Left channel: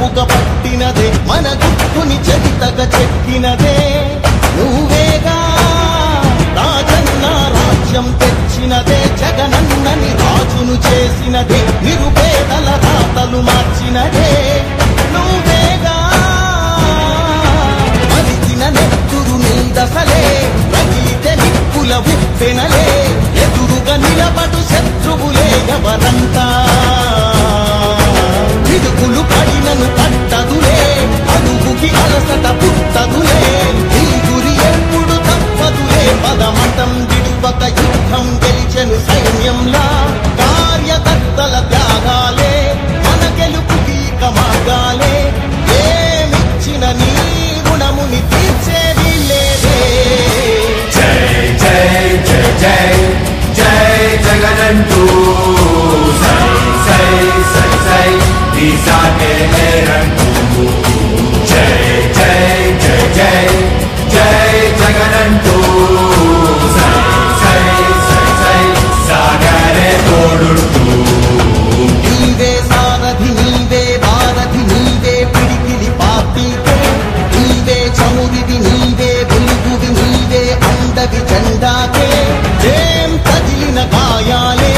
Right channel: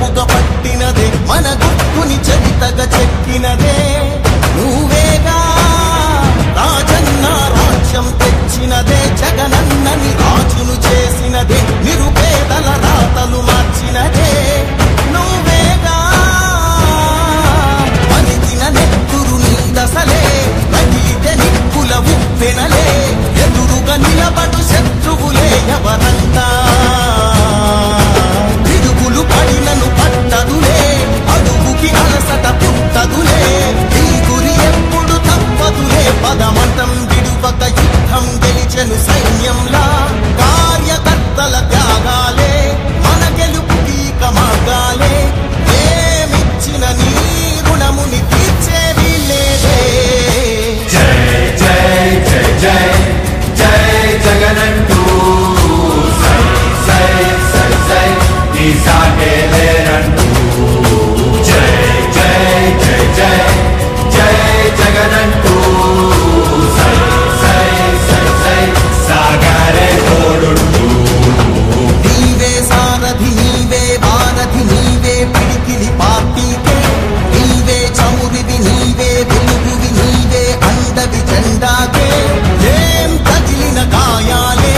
ఒడుపుగా పట్టినదే మన గుర్తుని చరితగా చెక్కినదే నువ్వేగా రాజన్న రాజ్యం తెచ్చినదే జగనన్నని రాజును చేసినదే నిరుపేదల రాతలు మార్చినదే నువ్వేగా మరిగిన నెత్తురు నీ దశలే రగిలితే నిప్పుల ఉప్పెనలే ఎదురుగా నిలబడు శత్రువులే ఎవరంతా పిడుగులు పడినను పట్టదులే అడుగుకి అలసట పుట్టదులే నీ గురి ఎప్పుడు తప్పదులే పదమతం విడువక యుద్ధం గెలిచెను సైన్యంలా కార్యకర్తల త్యాగాలే మన గెలుపుకి మార్గాలే ఏమిచ్చిన నీ రుణముని తీర్చేది లేదే జై జై జై జై జై జగనంటూ సై సై సై సై తీసాగేలేనంటూ జై జై జై జై జై జగనంటూ సై సై సై సై సాగరే తోడుంటూ నీవే సారథి నీవే భారథి నీవే పిడికిలి పార్టీకే నీవే చమురివి నీవే వెలుగువి నీవే అండవి జెండాకే ఏం తగిలిన గాయాలే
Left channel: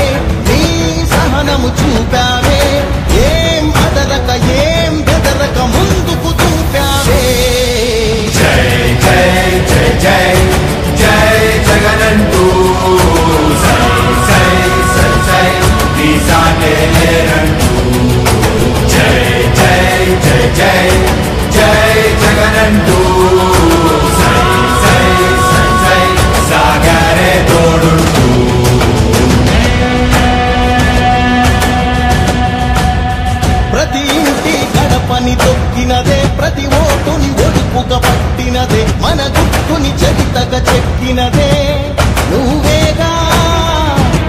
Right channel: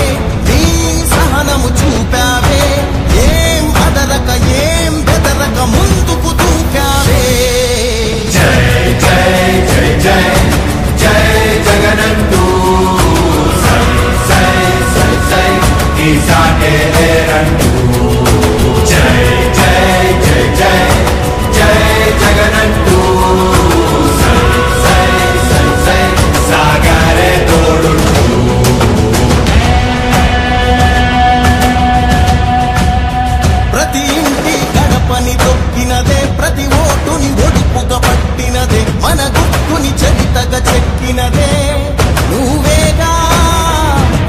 నీ సహనము చూపావే ఏం అదరక ఏం బెదరక ముందుకు చూపావే జై జై జై జై జై జగనంటూ సై సై సై సై తీసాగేలేనంటూ జై జై జై జై జై జగనంటూ సై సై సై సై సాగరే తోడుంటూ ప్రతి ఇంటి గడపని తొక్కినదే ప్రతి ఓటుని ఒడుపుగా పట్టినదే మన గుర్తుని చరితగా చెక్కినదే నువ్వేగా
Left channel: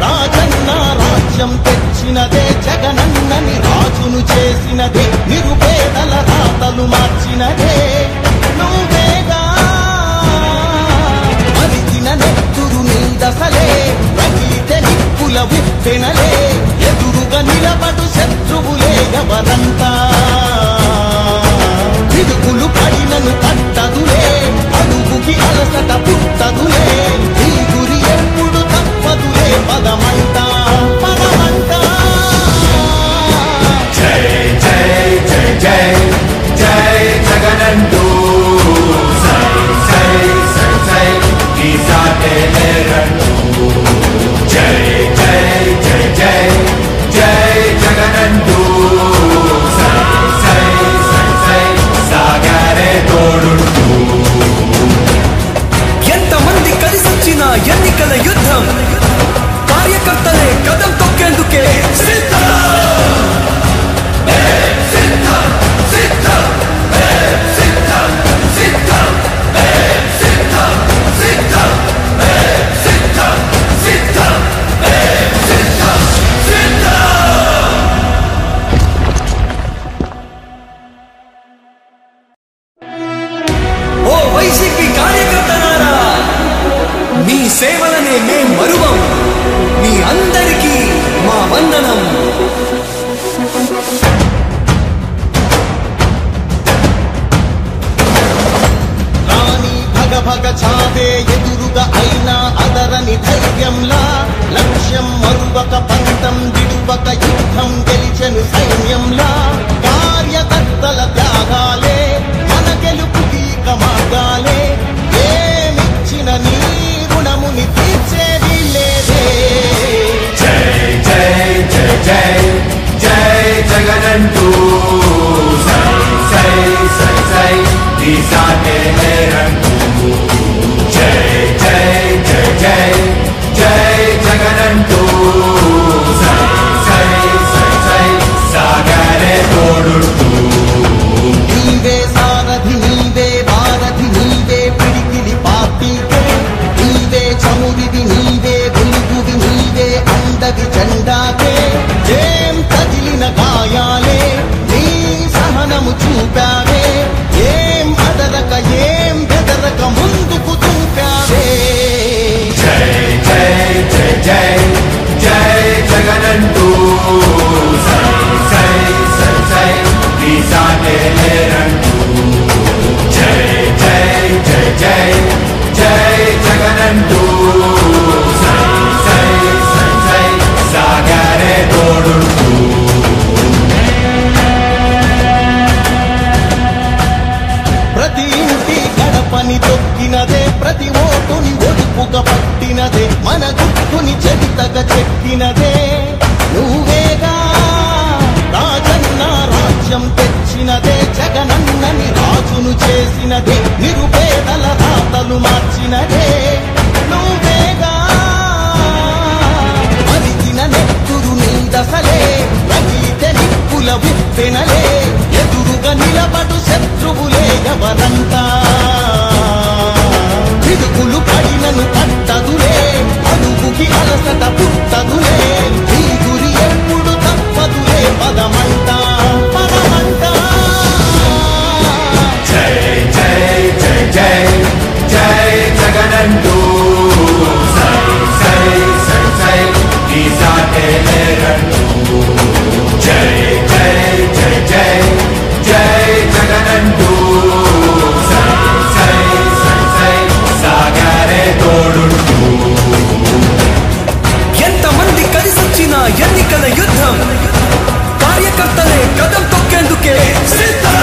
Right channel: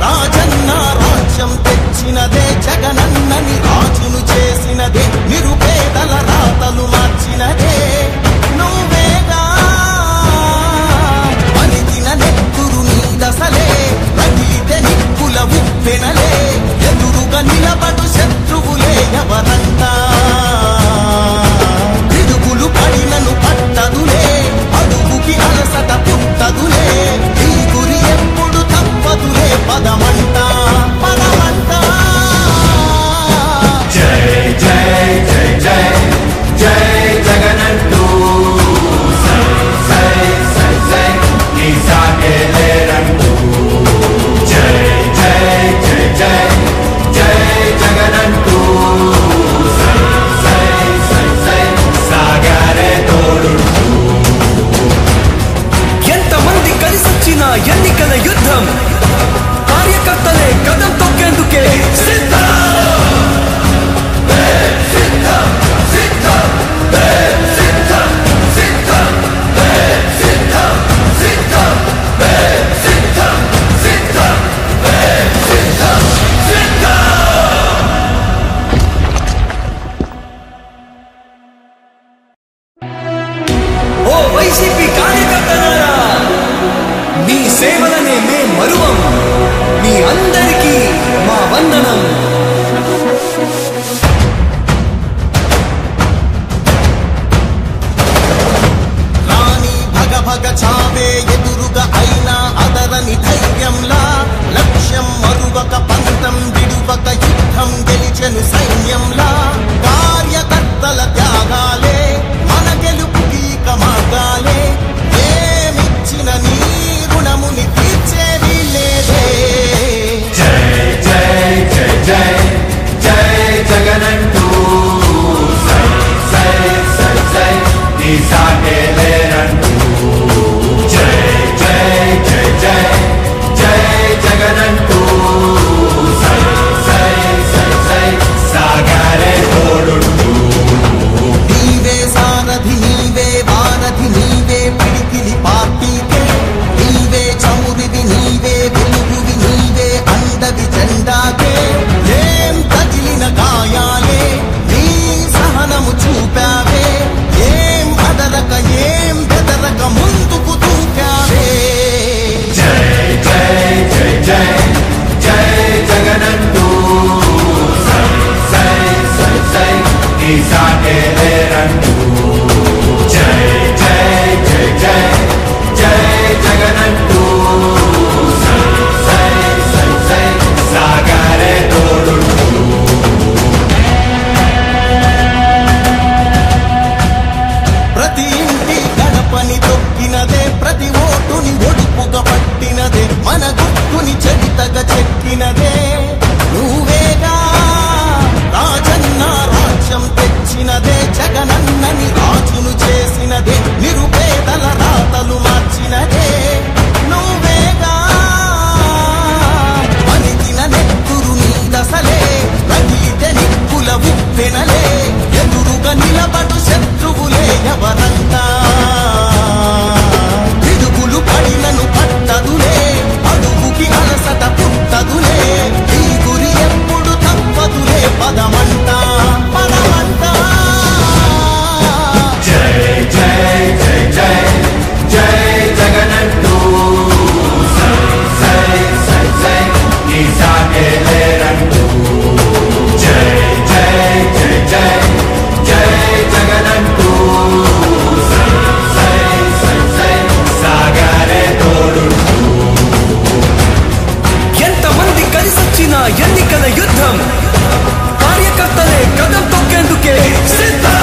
రాజన్న రాజ్యం తెచ్చినదే జగనన్నని రాజును చేసినదే నిరుపేదల రాతలు మార్చినదే నువ్వేగా మరిగిన నెత్తురు నీ దశలే రగిలితే నిప్పుల ఉప్పెనలే ఎదురుగా నిలబడు శత్రువులే ఎవరంతా పిడుగులు పడినను పట్టదులే అడుగుకి అలసట పుట్టదులే నీ గురి ఎప్పుడు తప్పదులే పదమంట పదమంట జై జై జై జై జై జగనంటూ సై సై సై సై తీసాగేలేనంటూ జై జై జై జై జై జగనంటూ సై సై సై సై సాగరే తోడుంటూ ఎంతమంది కలిసొచ్చిన ఎన్నికల యుద్ధం కార్యకర్తలే కదం తొక్కేందుకే సిద్ధం ఓ వైసీపీ కార్యకర్తలారా మీ సేవలనే మే మరువం మీ అందరికీ మా వందనం రాణి భగ భగ చావే ఎదురుగా అయినా అదరని ధైర్యంలా లక్ష్యం మరువక పంతం విడువక యుద్ధం గెలిచెను సైన్యంలా కార్యకర్తల త్యాగాలే మన గెలుపుకి మార్గాలే ఏమిచ్చిన నీ రుణముని తీర్చేది లేదే జై జై జై జై జై జగనంటూ సై సై సై సై తీసాగేలేనంటూ జై జై జై జై జై జగనంటూ సై సై సై సై సాగరే తోడుంటూ నీవే సారథి నీవే భారథి నీవే పిడికిలి పార్టీకే నీవే చమురివి నీవే వెలుగువి నీవే అండవి జెండాకే ఏం తగిలిన గాయాలే నీ సహనము చూపావే ఏం అదరక ఏం బెదరక ముందుకు చూపావే జై జై జై జై జై జగనంటూ సై సై సై సై తీసాగే కొత్తగా చెక్కినదే నువ్వేగా రాజన్న రాజ్యం తెచ్చినదే జగనన్నని రాజును చేసినదే నిరుపేదల రాతలు మార్చినదే నువ్వేగా మరిగిన నెత్తురు నీదసలే రగిలితే నిప్పుల ఉప్పెనలే ఎదురుగా నిలబడు శత్రువులే ఎవరంట పిడుగులు పడినను పట్టదులే అడుగుకి అలసట పుట్టదులే ఈ గురి ఎప్పుడు తప్పదులే పదమంట పదమంట జై జై జై జై జై జగనంటూ సై సై సై సై నీ సాటే లేరంటూ జై జై జై జై జై జగనంటూ సై సై సై సై సాగరే తోడుంటూ ఎంతమంది కలిసొచ్చిన ఎన్నికల యుద్ధం కార్యకర్తలే కదం తొక్కేందుకే సిద్ధం